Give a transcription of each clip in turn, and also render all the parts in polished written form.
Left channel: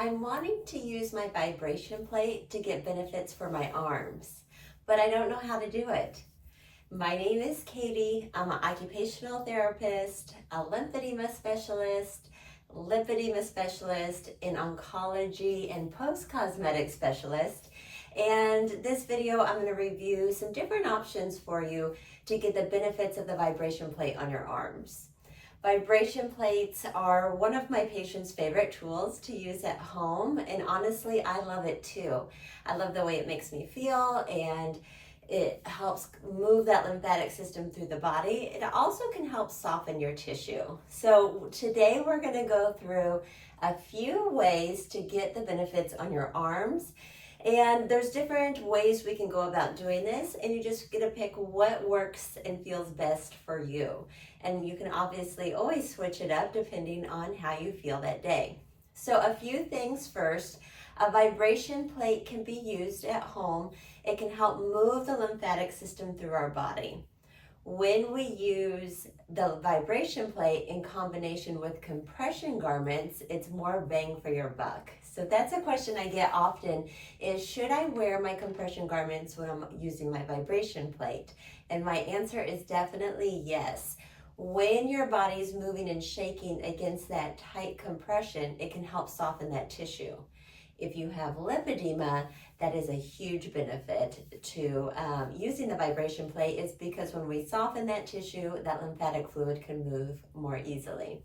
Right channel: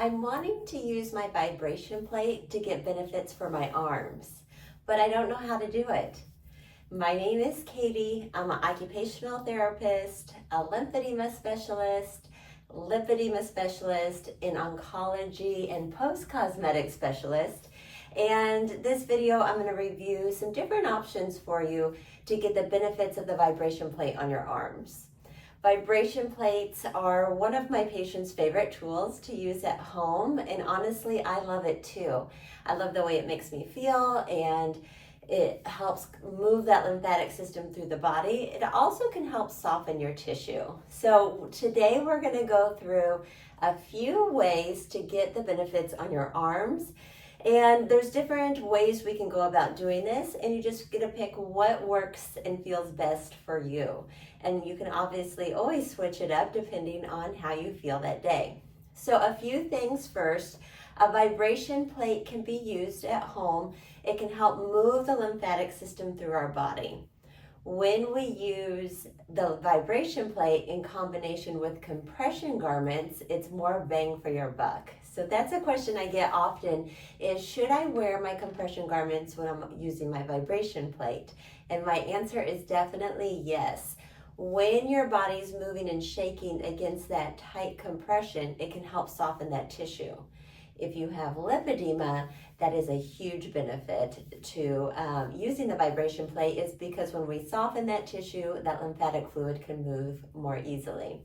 I'm wanting to use my vibration plate to get benefits for my arms, but I don't know how to do it. My name is Katie. I'm an occupational therapist, a lymphedema specialist, lipedema specialist, in oncology and post-cosmetic specialist. And this video, I'm going to review some different options for you to get the benefits of the vibration plate on your arms. Vibration plates are one of my patients' favorite tools to use at home, and honestly, I love it too. I love the way it makes me feel, and it helps move that lymphatic system through the body. It also can help soften your tissue. So today we're going to go through a few ways to get the benefits on your arms. And there's different ways we can go about doing this, and you just get to pick what works and feels best for you. And you can obviously always switch it up depending on how you feel that day. So a few things first. A vibration plate can be used at home. It can help move the lymphatic system through our body. When we use the vibration plate in combination with compression garments, it's more bang for your buck. So that's a question I get often is, should I wear my compression garments when I'm using my vibration plate? And my answer is definitely yes. When your body's moving and shaking against that tight compression, it can help soften that tissue. If you have lipedema, that is a huge benefit to using the vibration plate, is because when we soften that tissue, that lymphatic fluid can move more easily.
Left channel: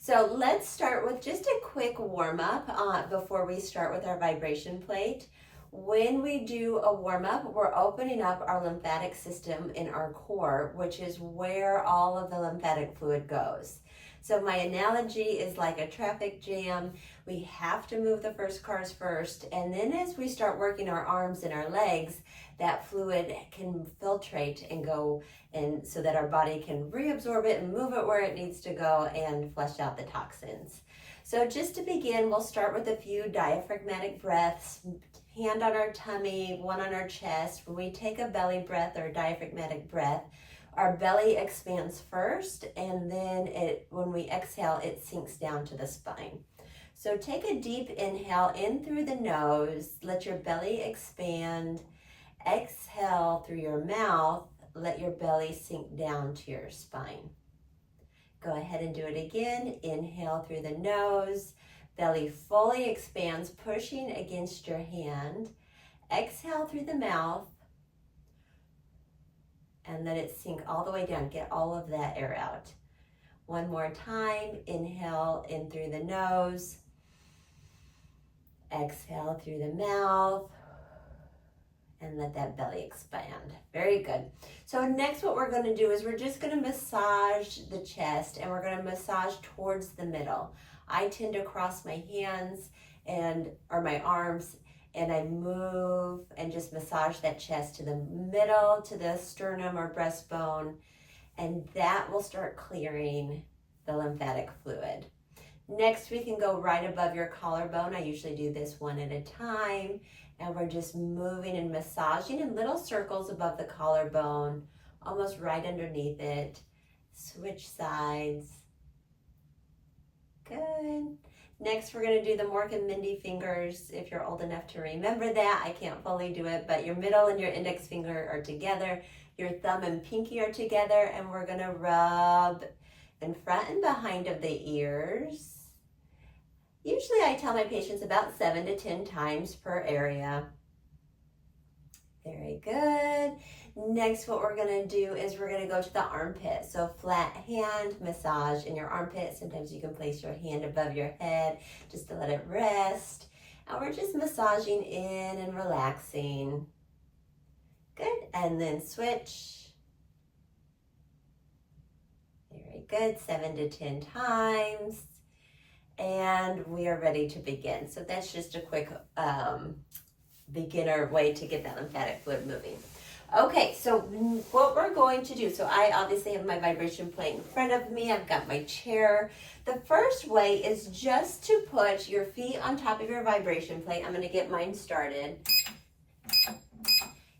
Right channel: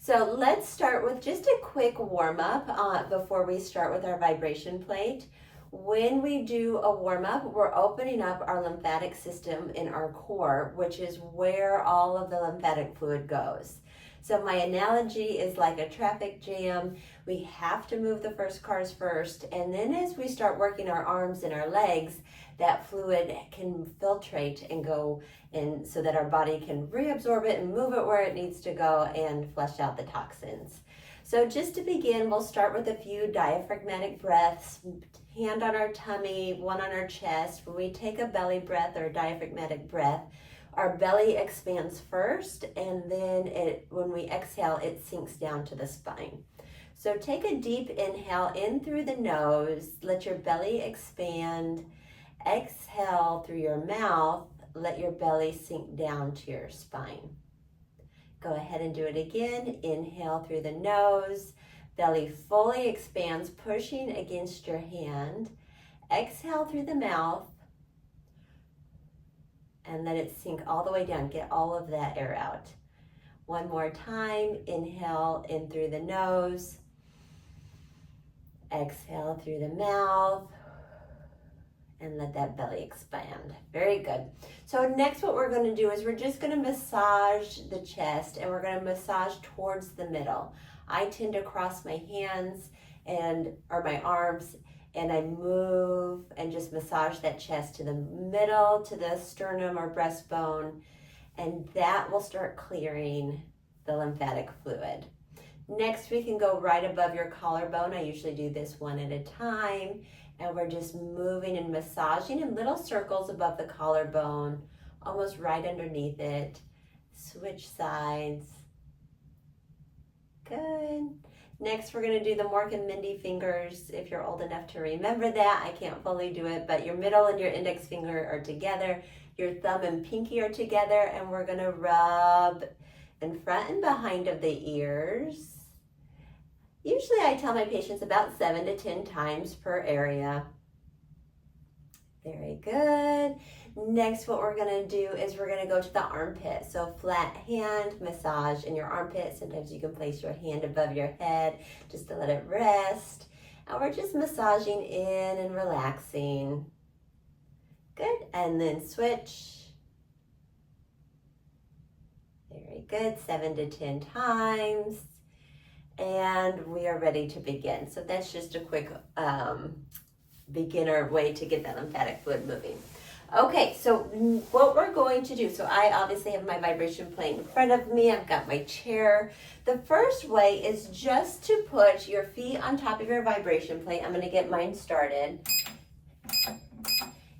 So let's start with just a quick warm up before we start with our vibration plate. When we do a warm up, we're opening up our lymphatic system in our core, which is where all of the lymphatic fluid goes. So my analogy is like a traffic jam. We have to move the first cars first, and then as we start working our arms and our legs, that fluid can filtrate and go, and so that our body can reabsorb it and move it where it needs to go and flush out the toxins. So just to begin, we'll start with a few diaphragmatic breaths, hand on our tummy, one on our chest. When we take a belly breath or a diaphragmatic breath, our belly expands first, and then when we exhale, it sinks down to the spine. So take a deep inhale in through the nose, let your belly expand. Exhale through your mouth, let your belly sink down to your spine. Go ahead and do it again. Inhale through the nose, belly fully expands, pushing against your hand. Exhale through the mouth, and let it sink all the way down. Get all of that air out. One more time. Inhale in through the nose. Exhale through the mouth. And let that belly expand. Very good. So next what we're going to do is we're just going to massage the chest, and we're going to massage towards the middle. I tend to cross my hands or my arms, and I move and just massage that chest to the middle, to the sternum or breastbone, and that will start clearing the lymphatic fluid. Next, we can go right above your collarbone. I usually do this one at a time, and we're just moving and massaging in little circles above the collarbone, almost right underneath it. Switch sides. Good. Next, we're going to do the Mork and Mindy fingers. If you're old enough to remember that, I can't fully do it, but your middle and your index finger are together. Your thumb and pinky are together, and we're going to rub in front and behind of the ears. Usually I tell my patients about 7 to 10 times per area. Very good. Next, what we're going to do is we're going to go to the armpit. So flat hand massage in your armpit. Sometimes you can place your hand above your head just to let it rest. And we're just massaging in and relaxing. Good. And then switch. Very good. 7 to 10 times. And we are ready to begin. So that's just a quick beginner way to get that lymphatic fluid moving. Okay, so what we're going to do, so I obviously have my vibration plate in front of me. I've got my chair. The first way is just to put your feet on top of your vibration plate. I'm going to get mine started.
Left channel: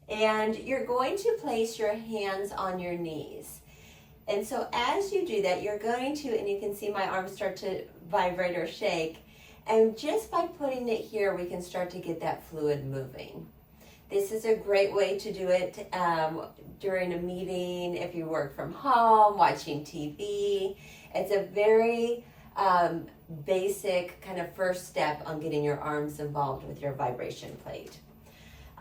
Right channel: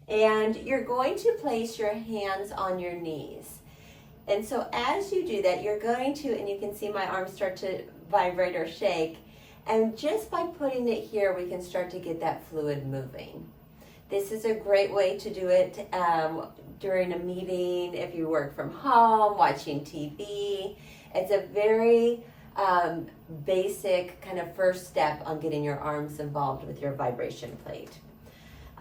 And you're going to place your hands on your knees. And so as you do that, you're going to, and you can see my arms start to vibrate or shake, And just by putting it here, we can start to get that fluid moving. This is a great way to do it during a meeting, if you work from home, watching TV. It's a very basic kind of first step on getting your arms involved with your vibration plate.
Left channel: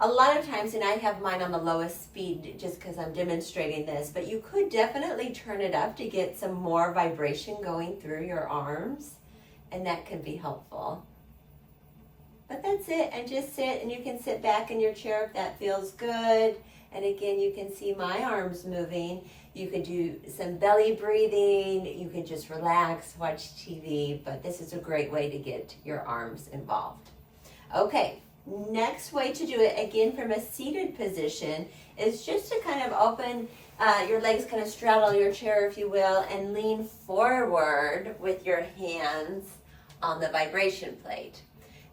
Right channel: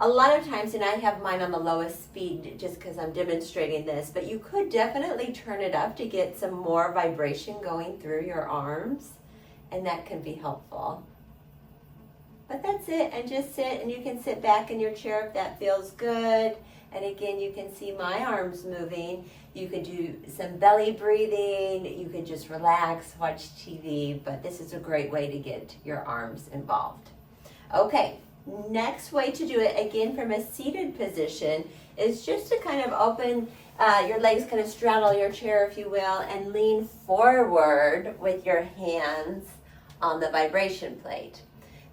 A lot of times, and I have mine on the lowest speed just because I'm demonstrating this, but you could definitely turn it up to get some more vibration going through your arms, and that can be helpful. But that's it, and just sit, and you can sit back in your chair if that feels good. And again, you can see my arms moving. You could do some belly breathing. You could just relax, watch TV, but this is a great way to get your arms involved. Okay, next way to do it, again from a seated position, is just to kind of open your legs, kind of straddle your chair, if you will, and lean forward with your hands on the vibration plate.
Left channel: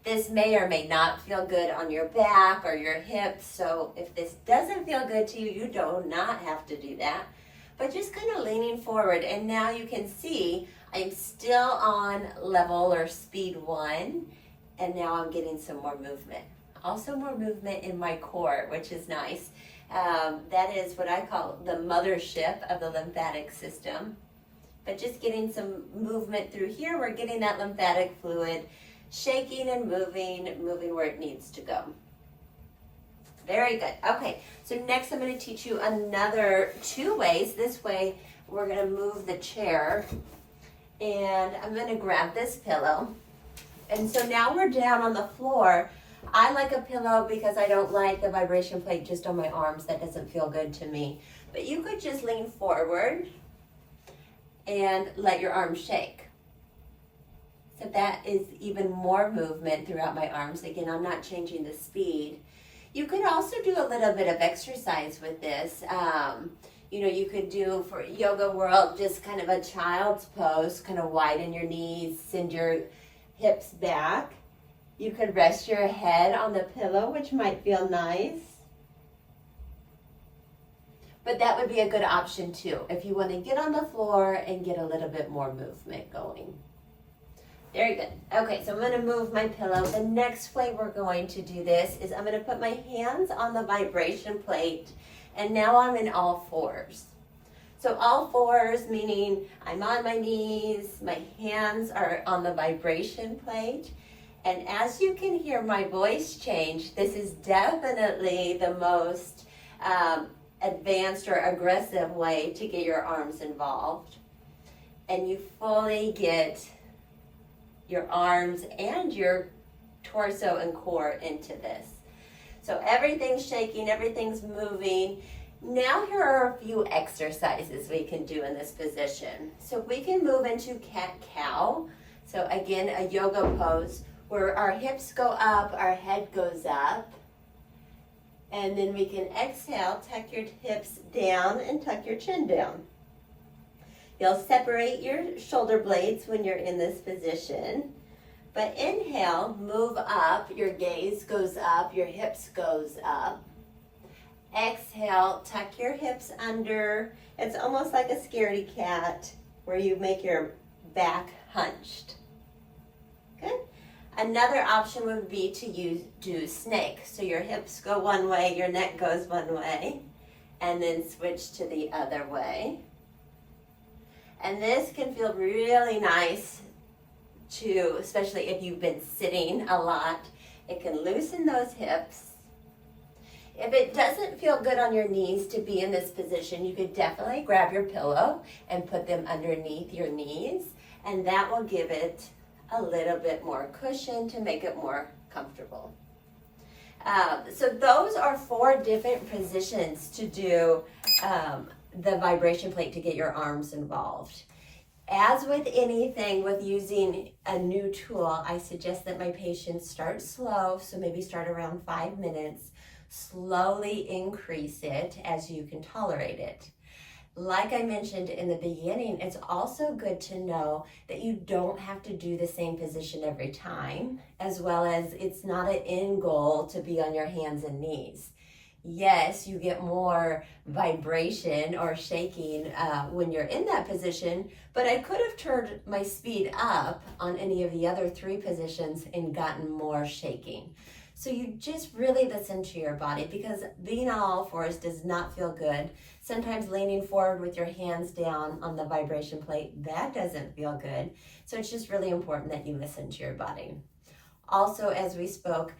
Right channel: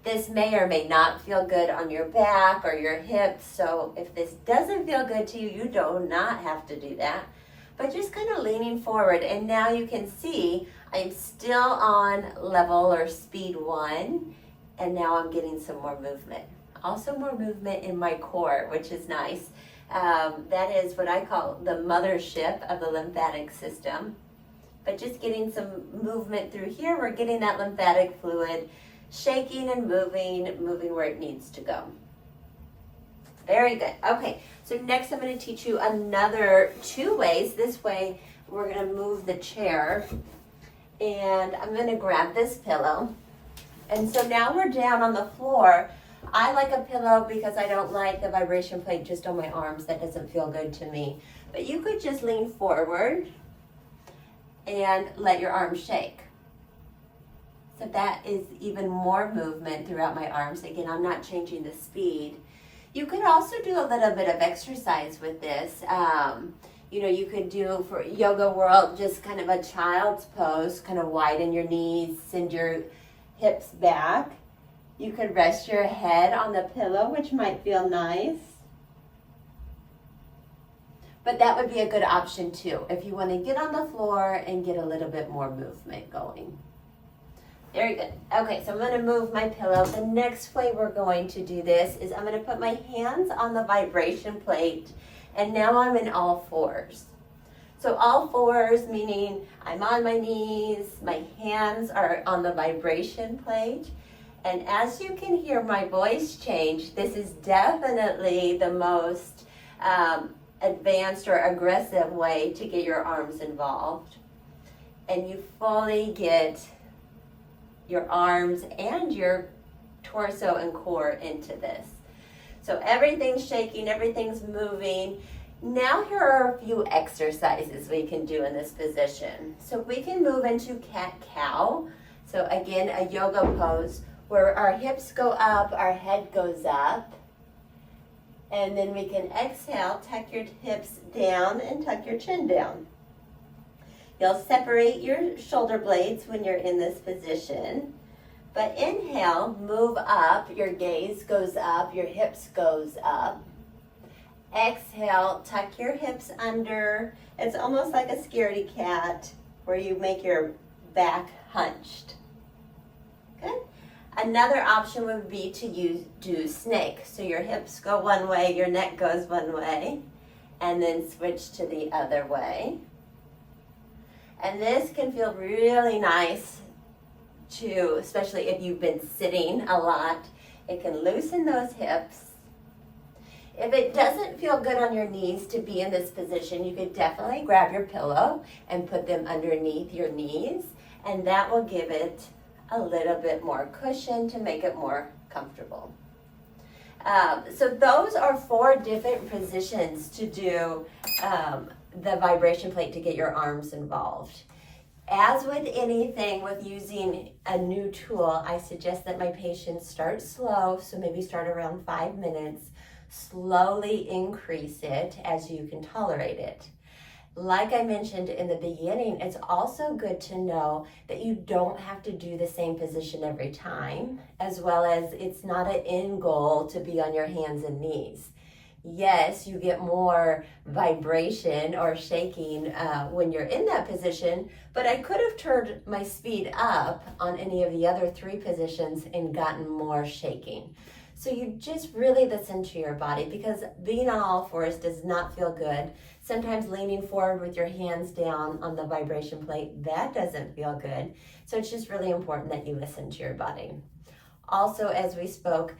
This may or may not feel good on your back or your hips, so if this doesn't feel good to you, you do not have to do that. But just kind of leaning forward, and now you can see I'm still on level or speed 1, and now I'm getting some more movement. Also more movement in my core, which is nice. That is what I call the mothership of the lymphatic system. But just getting some movement through here, we're getting that lymphatic fluid shaking and moving where it needs to go. Very good. Okay, so next I'm going to teach you another 2 ways. This way we're going to move the chair, and I'm going to grab this pillow. And so now we're down on the floor. I like a pillow because I don't like the vibration plate just on my arms. That doesn't feel good to me. But you could just lean forward and let your arms shake. So that is even more movement throughout my arms. Again, I'm not changing the speed. You could also do a little bit of exercise with this. You could do, for yoga world, just kind of a child's pose, kind of widen your knees, send your hips back. You could rest your head on the pillow, which might feel nice. But that would be a good option too, if you want to get on the floor and get a little bit more movement going. Very good. Okay, so I'm going to move my pillow. The next way we're going to do this is I'm going to put my hands on the vibration plate, and now I'm in all fours. So all fours meaning I'm on my knees, my hands are on the vibration plate, and as you can hear my voice change, this is definitely the most advanced or aggressive way to get your arms involved. And you fully get your arms and your torso and core into this. So everything's shaking, everything's moving. Now here are a few exercises we can do in this position. So we can move into cat-cow. So again, a yoga pose where our hips go up, our head goes up. And then we can exhale, tuck your hips down and tuck your chin down. You'll separate your shoulder blades when you're in this position. But inhale, move up, your gaze goes up, your hips goes up. Exhale, tuck your hips under. It's almost like a scaredy cat where you make your back hunched. Good. Another option would be to do snake. So your hips go one way, your neck goes one way, and then switch to the other way. And this can feel really nice too, especially if you've been sitting a lot. It can loosen those hips. If it doesn't feel good on your knees to be in this position, you could definitely grab your pillow and put them underneath your knees, and that will give it a little bit more cushion to make it more comfortable. So those are 4 different positions to do the vibration plate to get your arms involved. As with anything with using a new tool, I suggest that my patients start slow, so maybe start around 5 minutes, slowly increase it as you can tolerate it. Like I mentioned in the beginning, it's also good to know that you don't have to do the same position every time, as well as it's not an end goal to be on your hands and knees. Yes, you get more vibration or shaking when you're in that position, but I could have turned my speed up on any of the other 3 positions and gotten more shaking. So you just really listen to your body, because being on all fours does not feel good. Sometimes leaning forward with your hands down on the vibration plate, that doesn't feel good. So it's just really important that you listen to your body. Also, as we spoke,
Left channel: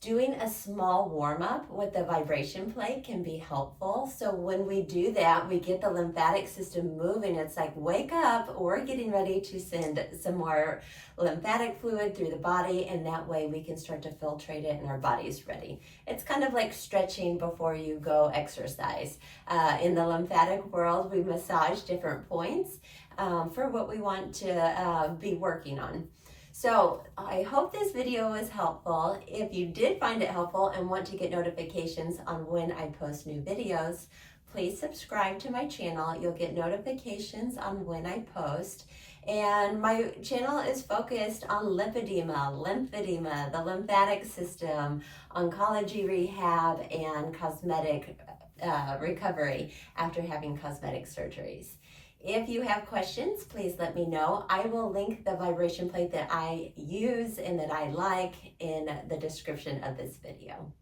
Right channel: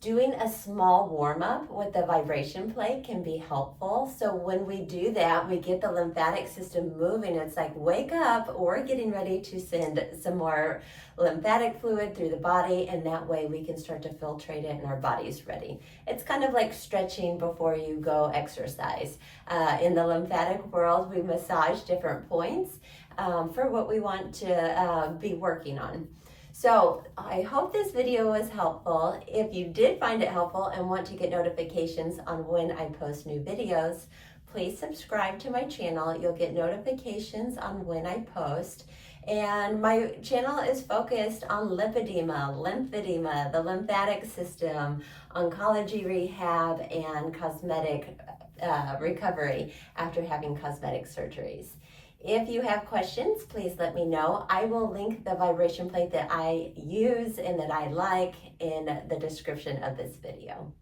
doing a small warm up with the vibration plate can be helpful. So when we do that, we get the lymphatic system moving. It's like, wake up, we're getting ready to send some more lymphatic fluid through the body, and that way we can start to filtrate it and our body's ready. It's kind of like stretching before you go exercise. In the lymphatic world, we massage different points for what we want to be working on. So I hope this video was helpful. If you did find it helpful and want to get notifications on when I post new videos, please subscribe to my channel. You'll get notifications on when I post. And my channel is focused on lipedema, lymphedema, the lymphatic system, oncology rehab, and cosmetic recovery after having cosmetic surgeries. If you have questions, please let me know. I will link the vibration plate that I use and that I like in the description of this video.